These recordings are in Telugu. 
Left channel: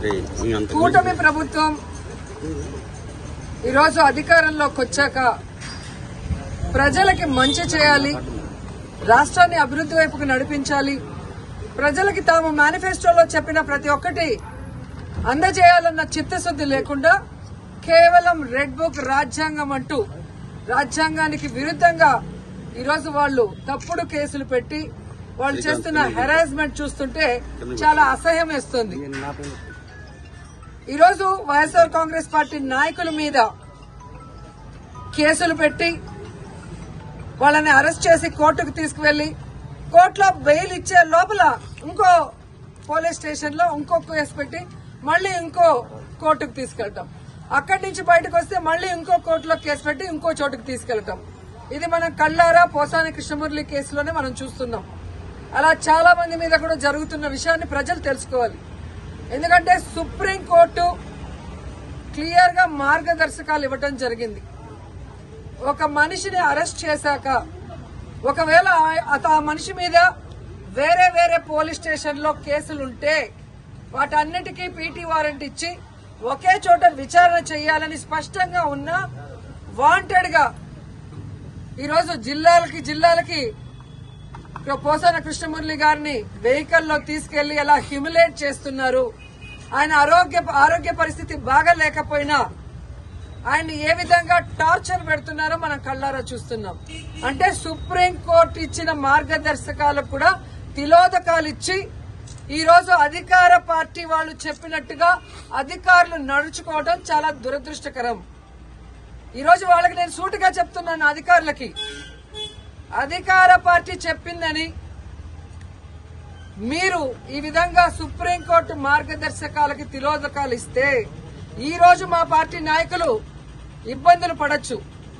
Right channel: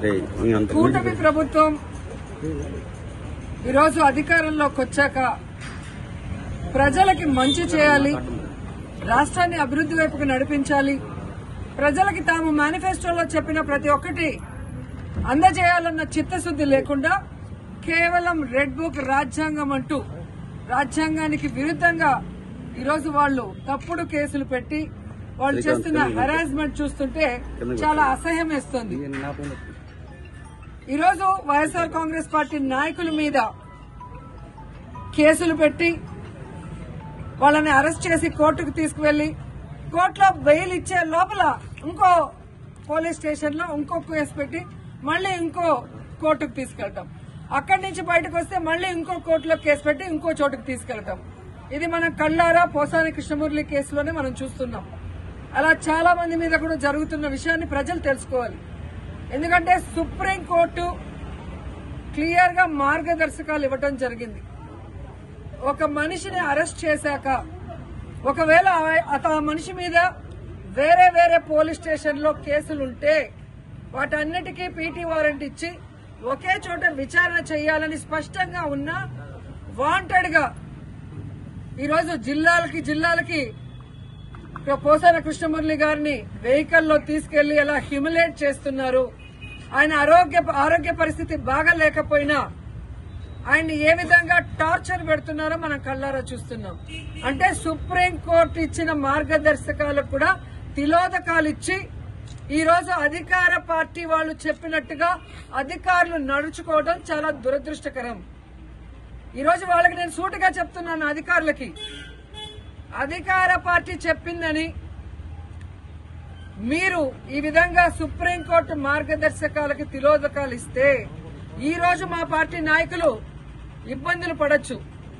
కూటమి ప్రభుత్వం ఈరోజు అధికారంలోకి వచ్చాక ప్రజలకి మంచి చేయాలి, రాష్ట్రాన్ని అభివృద్ది వైపుకు నడిపించాలి, ప్రజలకి తాము మేనిఫెస్టోలో చెప్పిన ప్రతి ఒక్కటి అందజేయాలన్న చిత్తశుద్ది లేకుండా కేవలం రెడ్ బుక్ రాజ్యాంగం అంటూ రాజ్యాంగానికి విరుద్దంగా ఈరోజు వాళ్ళు తప్పుడు కేసులు పెట్టి వాళ్ళు చేస్తున్న హెరాస్మెంట్ చూస్తుంటే చాలా అసహ్యం వేస్తుంది. ఈరోజు వైఎస్ఆర్ కాంగ్రెస్ పార్టీ నాయకుల మీద కేసులు పెట్టి వాళ్ళని అరెస్ట్ చేసి కోర్టుకు తీసుకువెళ్లి కోర్టులో బెయిల్ ఇచ్చే లోపల ఇంకో పోలీస్ స్టేషన్ లో ఇంకో కేసు పెట్టి మళ్లీ ఇంకో కోర్టుకు తీసుకెళ్తాం, అక్కడి నుంచి బయటకు వస్తే మళ్లీ ఇంకో కోర్టులో కేసు పెట్టి ఇంకో చోటుకు తీసుకెళ్తాం. ఇది మనం కళ్ళారా పోసాని కృష్ణమురళి కేసులోనే మనం చూస్తున్నాం. అలా చాలా మంది మీద కూడా జరుగుతున్న విషయాన్ని ప్రజలు తెలుసుకోవాలి. ఎందుకంటే సుప్రీంకోర్టు క్లియర్ గా మార్గదర్శకాలు ఇవ్వడం జరిగింది. ఒక మనిషిని అరెస్ట్ చేశాక ఒకవేళ ఆ మనిషి మీద వేరే వేరే పోలీస్ స్టేషన్ లో కేసులుంటే వాటన్నిటికీ పీటీ వారెంట్ ఇచ్చి ఒకే చోట విచారణ చేయాలని స్పష్టంగా ఉన్న వాంటెడ్ గా ఈరోజు జిల్లాలకి పోసాన కృష్ణమురళి గారిని వెహికల్లో తీసుకెళ్లి ఎలా హ్యూమిలేట్ చేస్తున్నారు, ఆయన ఆరోగ్య పరిస్థితి బాగాలేకపోయినా ఆయన్ని ఏ విధంగా టార్చర్ పెడుతున్నారో మనం కళ్ళారా చూస్తున్నాం. అంటే సుప్రీంకోర్టు ఇచ్చిన మార్గదర్శకాలకు కూడా తిలోదకాలు ఇచ్చి ఈరోజు అధికార పార్టీ వాళ్ళు చెప్పినట్టుగా అధికారులు నడుచుకోవడం చాలా దురదృష్టకరం. ఈరోజు వాళ్ళకి నేను సూటిగా చెప్తున్నాను, అధికారులకి అధికార పార్టీ చెప్పిందని మీరు ఈ విధంగా సుప్రీంకోర్టు మార్గదర్శకాలకి తిలోదకాలు ఇస్తే ఈ రోజు మా పార్టీ నాయకులు ఇబ్బందులు పడొచ్చు,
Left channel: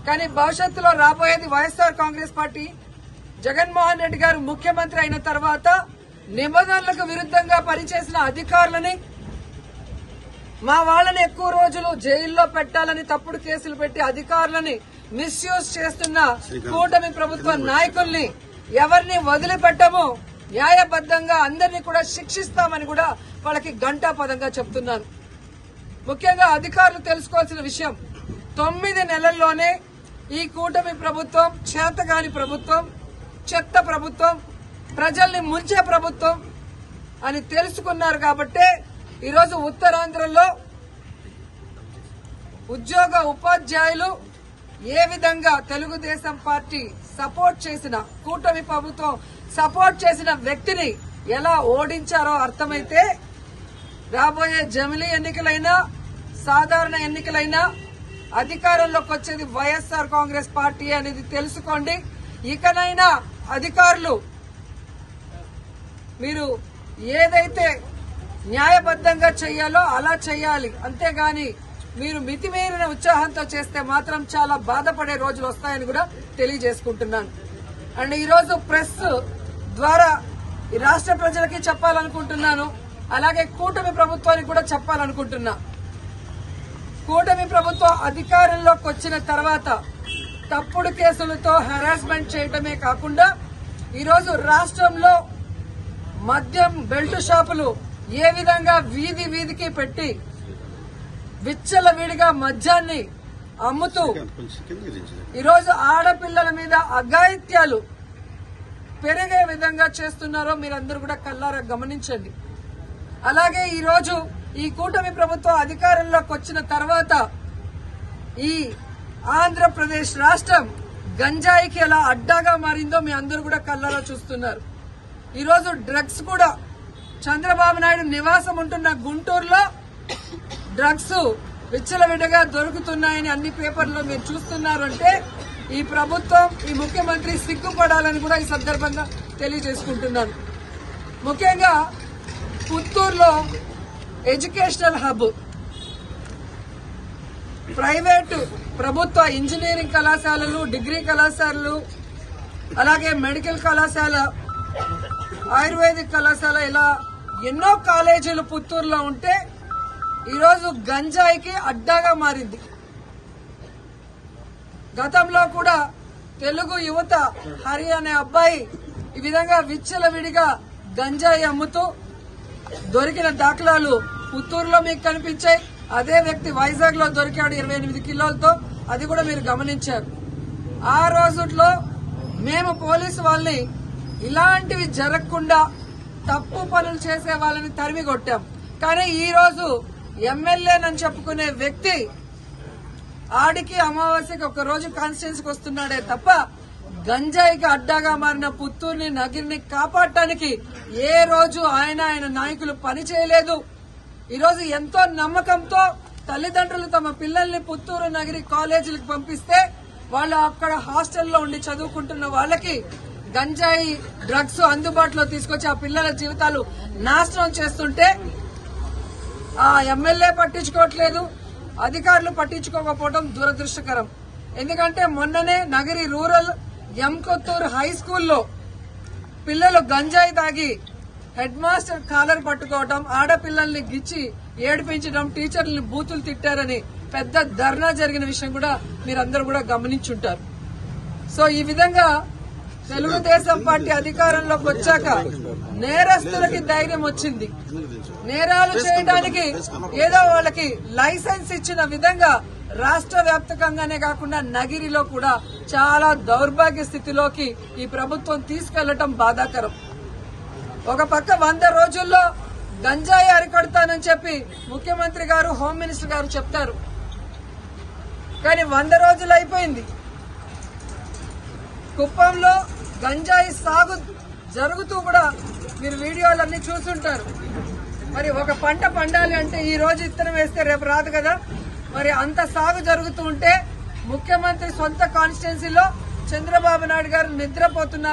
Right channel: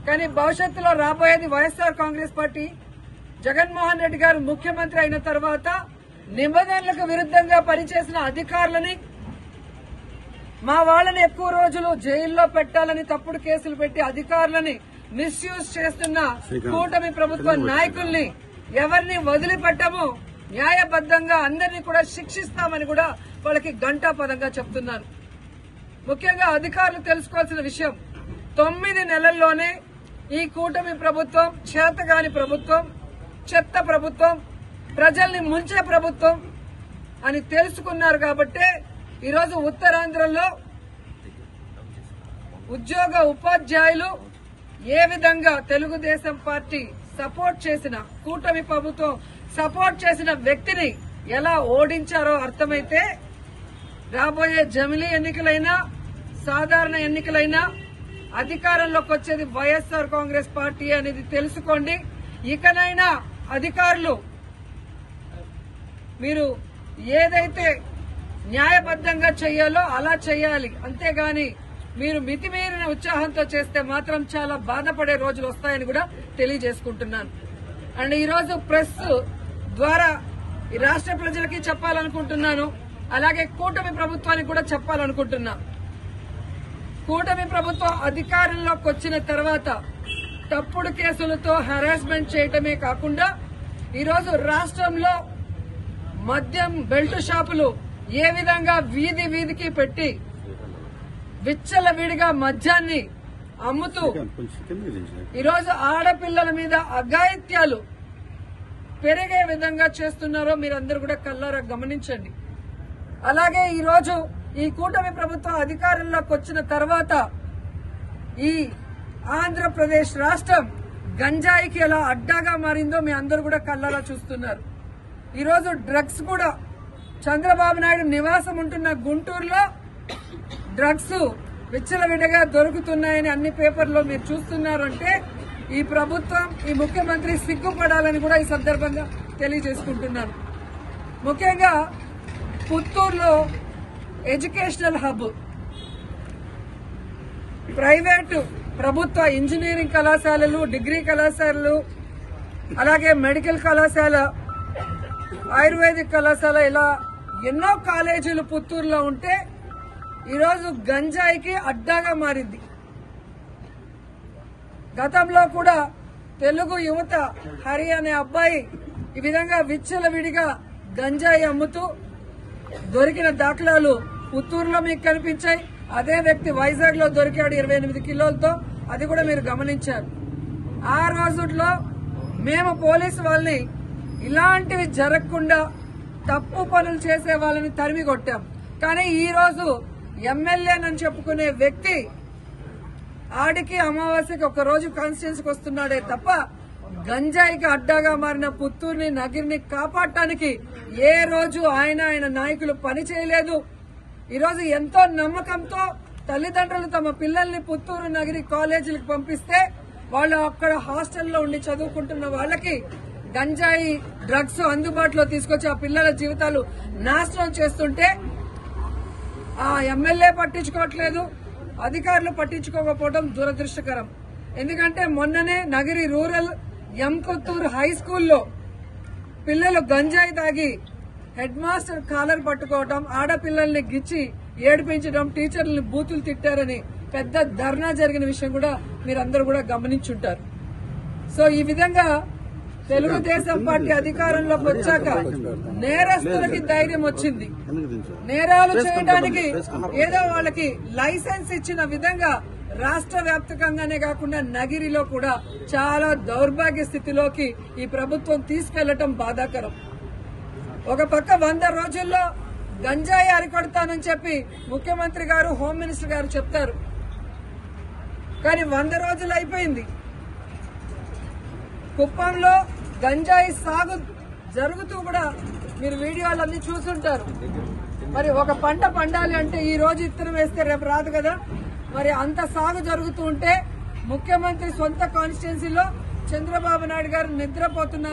కానీ భవిష్యత్తులో రాబోయేది వైఎస్ఆర్ కాంగ్రెస్ పార్టీ. జగన్మోహన్ రెడ్డి గారు ముఖ్యమంత్రి అయిన తర్వాత నిబంధనలకు విరుద్దంగా పనిచేసిన అధికారులని మా వాళ్ళని ఎక్కువ రోజులు జైల్లో పెట్టాలని తప్పుడు కేసులు పెట్టి అధికారులని మిస్యూజ్ చేస్తున్న కూటమి ప్రభుత్వ నాయకుల్ని ఎవరిని వదిలిపెట్టమో న్యాయబద్దంగా అందరినీ కూడా శిక్షిస్తామని కూడా వాళ్ళకి ఘంటాపదంగా చెప్తున్నాను. ముఖ్యంగా అధికారులు తెలుసుకోవాల్సిన విషయం, 9 నెలల్లోనే ఈ కూటమి ప్రభుత్వం చేతగాని ప్రభుత్వం, చెత్త ప్రభుత్వం, ప్రజల్ని ముంచే ప్రభుత్వం అని తెలుసుకున్నారు కాబట్టే ఈరోజు ఉత్తరాంధ్రలో ఉపాధ్యాయులు ఏ విధంగా తెలుగుదేశం పార్టీ సపోర్ట్ చేసిన కూటమి ప్రభుత్వం సపోర్ట్ చేసిన వ్యక్తిని ఎలా ఓడించారో అర్థమైతే రాబోయే జమిలీ ఎన్నికలైనా సాధారణ ఎన్నికలైనా అధికారంలోకి వచ్చేది వైఎస్ఆర్ కాంగ్రెస్ పార్టీ అనేది తెలుసుకోండి. ఇకనైనా అధికారులు మీరు ఏదైతే న్యాయబద్దంగా చేయాలో అలా చేయాలి, అంతేగాని మీరు మితిమీరిన ఉత్సాహంతో చేస్తే మాత్రం చాలా బాధపడే రోజులు వస్తాయని కూడా తెలియజేసుకుంటున్నాను. అండ్ ఈరోజు ప్రెస్ ద్వారా ఈ రాష్ట్ర ప్రజలకి చెప్పాలనుకుంటున్నాను, అలాగే కూటమి ప్రభుత్వానికి కూడా చెప్పాలనుకుంటున్నా. కూటమి ప్రభుత్వం అధికారంలోకి వచ్చిన తర్వాత తప్పుడు కేసులతో హెరాస్మెంట్ చేయడమే కాకుండా ఈరోజు రాష్ట్రంలో మద్యం బెల్ట్ షాపులు ఏ విధంగా వీధికి పెట్టి విచ్చలవిడిగా మద్యాన్ని అమ్ముతూ ఈరోజు ఆడపిల్లల మీద అఘాయిత్యాలు పెరిగే విధంగా చేస్తున్నారో మీరందరూ కూడా కళ్ళారా గమనించండి. అలాగే ఈరోజు ఈ కూటమి ప్రభుత్వం అధికారంలోకి వచ్చిన తర్వాత ఈ ఆంధ్రప్రదేశ్ రాష్ట్రం గంజాయికి ఎలా అడ్డాగా మారిందో మీ అందరూ కూడా కళ్ళారా చూస్తున్నారు. ఈరోజు డ్రగ్స్ కూడా చంద్రబాబు నాయుడు నివాసం ఉంటున్న గుంటూరులో డ్రగ్స్ విచ్చలవిడిగా దొరుకుతున్నాయని అన్ని పేపర్లో మీరు చూస్తున్నారు. అంటే ఈ ప్రభుత్వం, ఈ ముఖ్యమంత్రి సిగ్గుపడాలని కూడా ఈ సందర్భంగా తెలియజేసుకుంటున్నాను. ముఖ్యంగా పుత్తూరులో ఎడ్యుకేషనల్ హబ్, ప్రైవేటు ప్రభుత్వ ఇంజనీరింగ్ కళాశాలలు, డిగ్రీ కళాశాలలు, అలాగే మెడికల్ కళాశాల, ఆయుర్వేదిక్ కళాశాల, ఇలా ఎన్నో కాలేజీలు పుత్తూరులో ఉంటే ఈరోజు గంజాయికి అడ్డాగా మారింది. గతంలో కూడా తెలుగు యువత హరి అనే అబ్బాయి ఈ విధంగా విచ్చలవిడిగా గంజాయి అమ్ముతూ దొరికిన దాఖలాలు పుత్తూరులో మీకు కనిపించాయి. అదే వ్యక్తి వైజాగ్ లో దొరికాడు 28 కిలోలతో, అది కూడా మీరు గమనించారు. ఆ రోజుల్లో మేము పోలీసు వాళ్ళని ఇలాంటివి జరగకుండా తప్పు పనులు చేసే వాళ్ళని తరిమి కొట్టాం. కానీ ఈ రోజు ఎమ్మెల్యేనని చెప్పుకునే వ్యక్తి ఆడికి అమావాస్యకి ఒక రోజు కాన్స్టిట్యున్సీకి వస్తున్నాడే తప్ప గంజాయికి అడ్డాగా మారిన పుత్తూరుని నగిరిని కాపాడటానికి ఏ రోజు ఆయన నాయకులు పని చేయలేదు. ఈరోజు ఎంతో నమ్మకంతో తల్లిదండ్రులు తమ పిల్లల్ని పుత్తూరు నగిరి కాలేజీలకు పంపిస్తే వాళ్ళు అక్కడ హాస్టల్లో ఉండి చదువుకుంటున్న వాళ్ళకి గంజాయి డ్రగ్స్ అందుబాటులో తీసుకొచ్చి ఆ పిల్లల జీవితాలు నాశనం చేస్తుంటే ఆ ఎమ్మెల్యే పట్టించుకోవట్లేదు, అధికారులు పట్టించుకోకపోవడం దురదృష్టకరం. ఎందుకంటే మొన్ననే నగిరి రూరల్ ఎంకొత్తూరు హై స్కూల్లో పిల్లలు గంజాయి తాగి హెడ్ మాస్టర్ కాలర్ పట్టుకోవడం, ఆడపిల్లల్ని గిచ్చి ఏడిపించడం, టీచర్లని బూతులు తిట్టారని పెద్ద ధర్నా జరిగిన విషయం కూడా మీరందరూ కూడా గమనించుంటారు. సో ఈ విధంగా తెలుగుదేశం పార్టీ అధికారంలోకి వచ్చాక నేరస్తులకి ధైర్యం వచ్చింది. నేరాలు చేయడానికి ఏదో వాళ్ళకి లైసెన్స్ ఇచ్చిన విధంగా రాష్ట్ర వ్యాప్తంగానే కాకుండా నగిరిలో కూడా చాలా దౌర్భాగ్య స్థితిలోకి ఈ ప్రభుత్వం తీసుకెళ్లటం బాధాకరం. ఒక పక్క 100 రోజుల్లో గంజాయి అరికడతానని చెప్పి ముఖ్యమంత్రి గారు, హోమ్ మినిస్టర్ గారు చెప్తారు. కానీ 100 రోజులు అయిపోయింది. కుప్పంలో గంజాయి సాగు జరుగుతూ కూడా మీరు వీడియోలన్నీ చూసుంటారు. మరి ఒక పంట పండాలి అంటే ఈ రోజు ఇత్తనం వేస్తే రేపు రాదు కదా. మరి అంత సాగు జరుగుతూ ఉంటే ముఖ్యమంత్రి సొంత కాన్స్టిట్యున్సీలో చంద్రబాబు నాయుడు గారు నిద్రపోతున్నారు.